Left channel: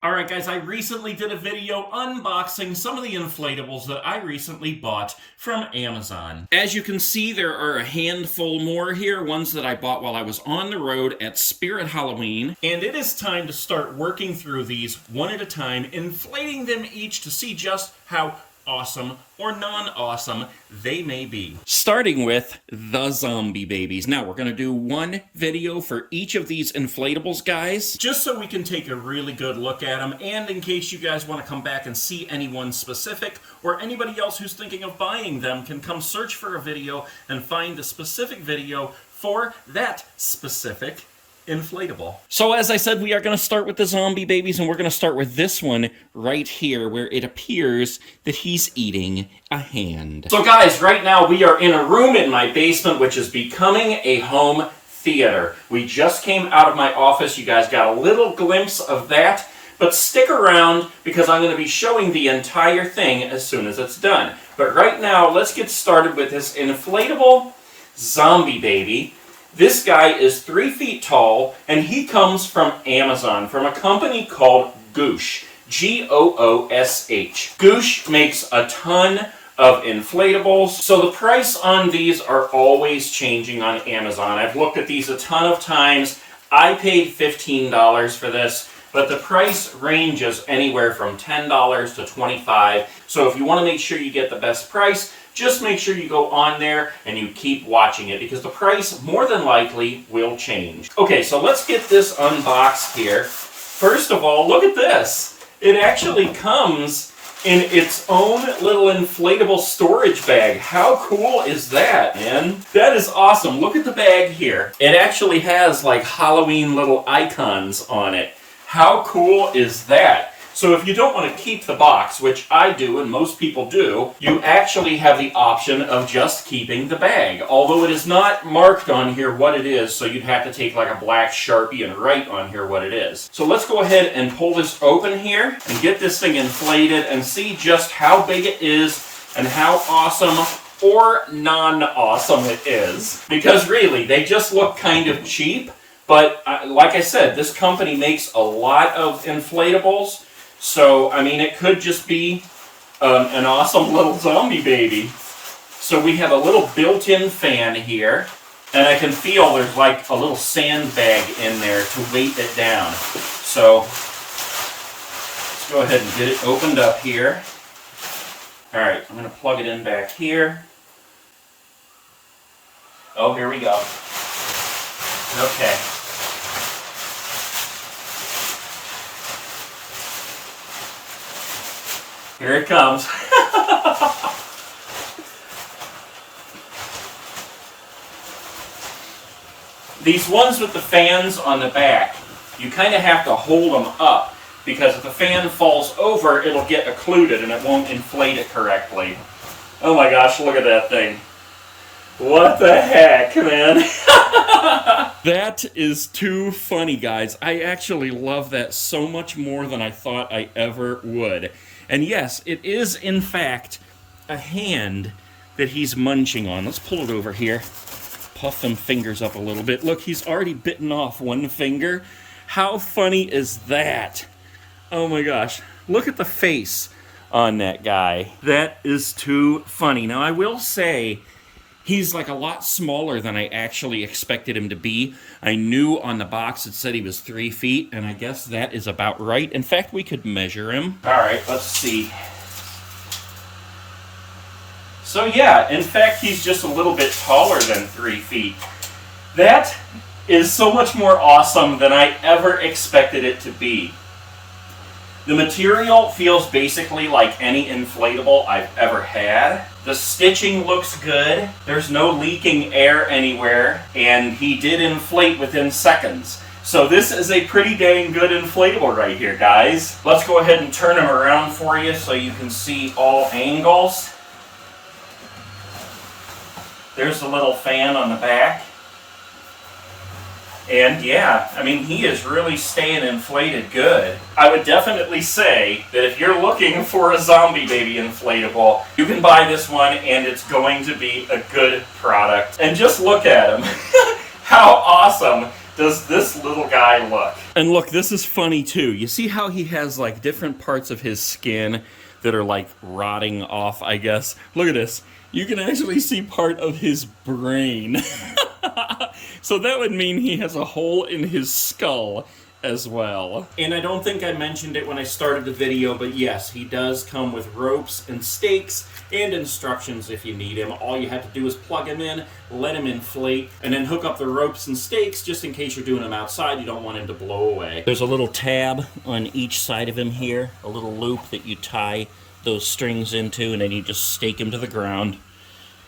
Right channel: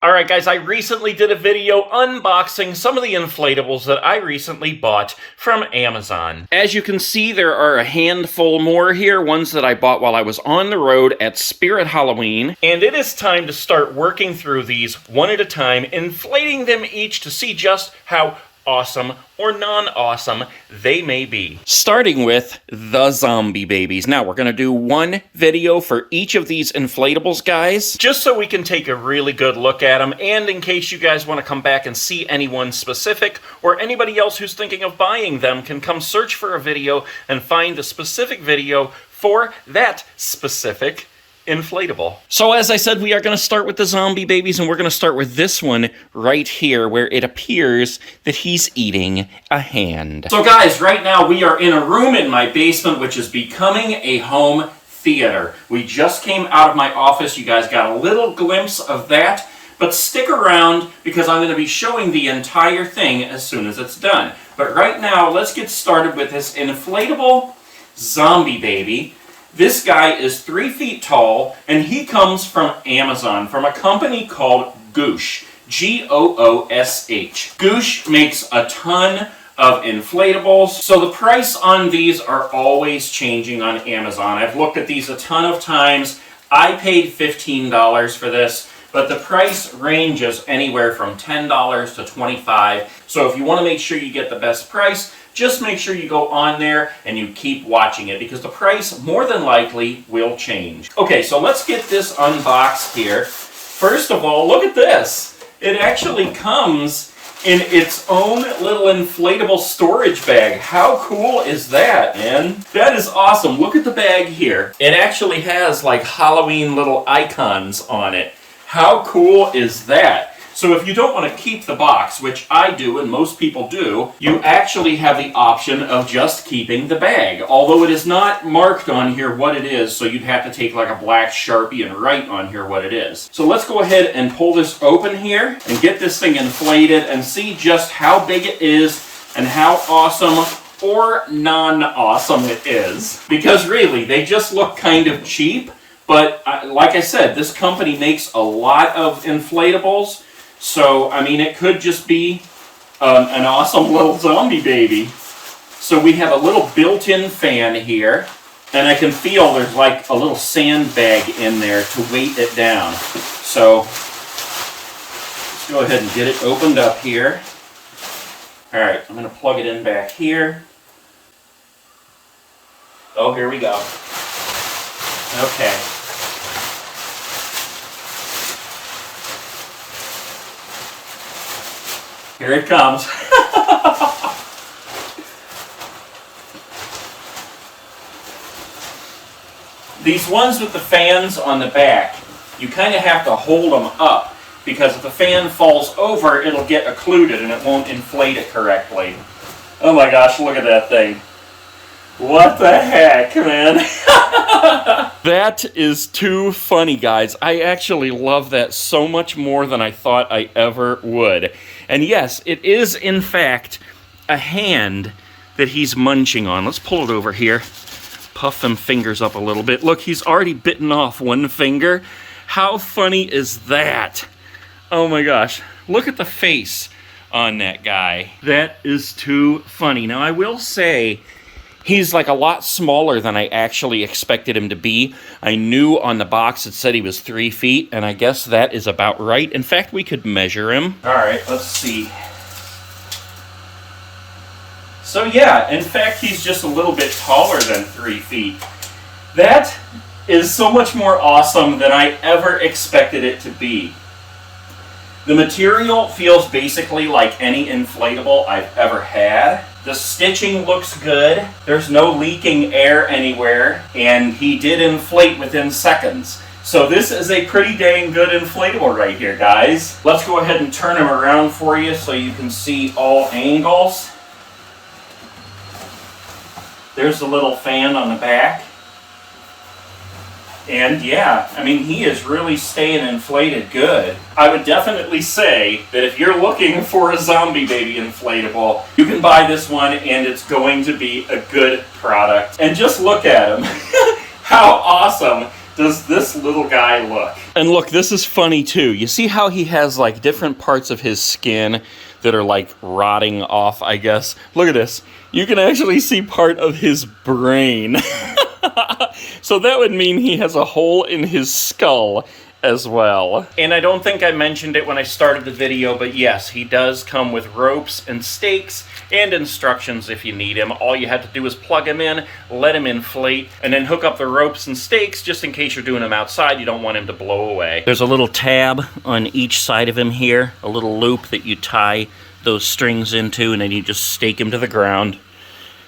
Alright guys, I recently did a video unboxing some of the inflatables that I recently bought from Amazon. As you can see, there are a handful more here, ones that I bought while I was on the road at Spirit Halloween. And it is time to start working through these one at a time, inflating them each to see just how awesome or non-awesome they may be. Starting with the zombie babies. Now, we're going to do one video for each of these inflatables, guys, just so we can take a really good look at them, and in case you guys want to come back and see anyone specific, or anybody else who's thinking of buying them can come search for a video and find a specific video for that specific inflatable. So as I said, we are going to start with the zombie babies, and we're going to start with this one right here, where it appears that he's eating a hand. So guys, right now we are in a room in my basement, which is becoming a home theater. We just came out of my office. You guys got a little glimpse of that, but stick around because I'm going to be showing the entire thing as soon as it's done. But right now, let's get started with this inflatable zombie baby. This guy is 3 feet tall, and he comes from Amazon, from a company called GOOSH, G-O-O-S-H. GOOSH makes a ton of inflatables, so the price on these are always changing on Amazon. I've looked at these a ton of times. I paid $15 for this, but the price ranges anywhere from $10 to $25. So if you want to make sure you get the best price, just make sure you go on there and you keep watching it, because the price more than likely will change. Okay, so let's get this unboxed here. First of all, look at this. It actually comes in its own little inflatable storage bag. How cool is that, man? That is awesome. Look at the bag here. It actually has like Halloween little icons on it. How cool is that? So if you don't want to keep the box, which I do and most people do, you actually have the option of just keeping the bag. Although it is not marked on here what it is, so you'd have to take like a black Sharpie and write on here what it is. So let's go ahead and pull this open here and get this thing inflated and see just how big it is and how awesome or non-awesome it is. Because really, they just look kind of cheap, but like I said, this company makes a lot of inflatables. So, I mean, it could just be an awesome little zombie baby. So we have a little built-in fan here, and I can feel there's like a little sandbag in there to weight it down. So, let's go ahead and get it opened up here. All right, I'm going to plug it in back here. Oh, here we go. Okay. Here it comes. These ones with the fans on the back, you kind of have to hold them up, because if the fan falls over, it'll get occluded and it won't inflate it correctly. Oh my gosh, look at that thing. What the heck, man? That is too funny, guys. I actually love that so much more than I thought I ever would. And yes, it is, in fact, a hand that he's munching on. Let's pull it over here. Puff them fingers up a little bit. Look, he's already bitten off one finger. How funny is that? Oh my gosh. Look at the face on that guy. That is too funny. Now, I will say, he's like a lot smaller than I actually expected him to be. I knew on the box it said he was 3 feet, and I guess that is about right. In fact, we could measure him. All right, let's see. So yeah, in fact, he's just a little bit taller than 3 feet. That is so much more awesome than I ever expected it to be. The material feels basically like any inflatable I've ever had. The stitching looks good. There's no leaking air anywhere, and he did inflate within seconds. So this is a pretty dang good inflatable right here, guys. Let's go ahead and turn him around for you so you can see all angles. There's the little fan on the back. And yeah, I mean, he is really staying inflated good. I would definitely say that if you're looking for a zombie baby inflatable, you can buy this one and it's going to be a good product. And just look at him. How awesome does this little guy look? And look, this is funny too. You see how he has like different parts of his skin that are like rotting off, I guess. Look at this. You can actually see part of his brain. So that would mean he has a hole in his skull as well. And I don't think I mentioned it when I started the video, but yes, he does come with ropes and stakes and instructions if you need him. All you have to do is plug him in, let him inflate, and then hook up the ropes and stakes just in case you're doing him outside. You don't want him to blow away. There's a little tab on each side of him here, a little loop that you tie those strings into, and then you just stake him to the ground.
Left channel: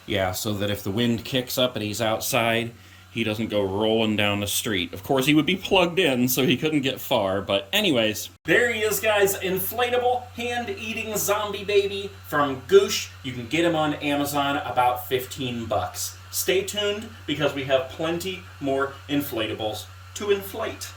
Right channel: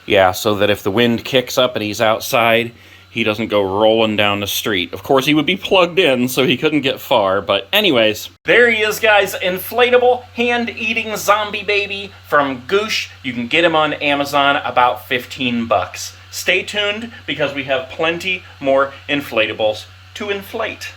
Yeah, so that if the wind kicks up and he's outside, he doesn't go rolling down the street. Of course, he would be plugged in, so he couldn't get far. But anyways, there he is, guys. Inflatable, hand-eating zombie baby from GOOSH. You can get him on Amazon, about 15 bucks. Stay tuned, because we have plenty more inflatables to inflate.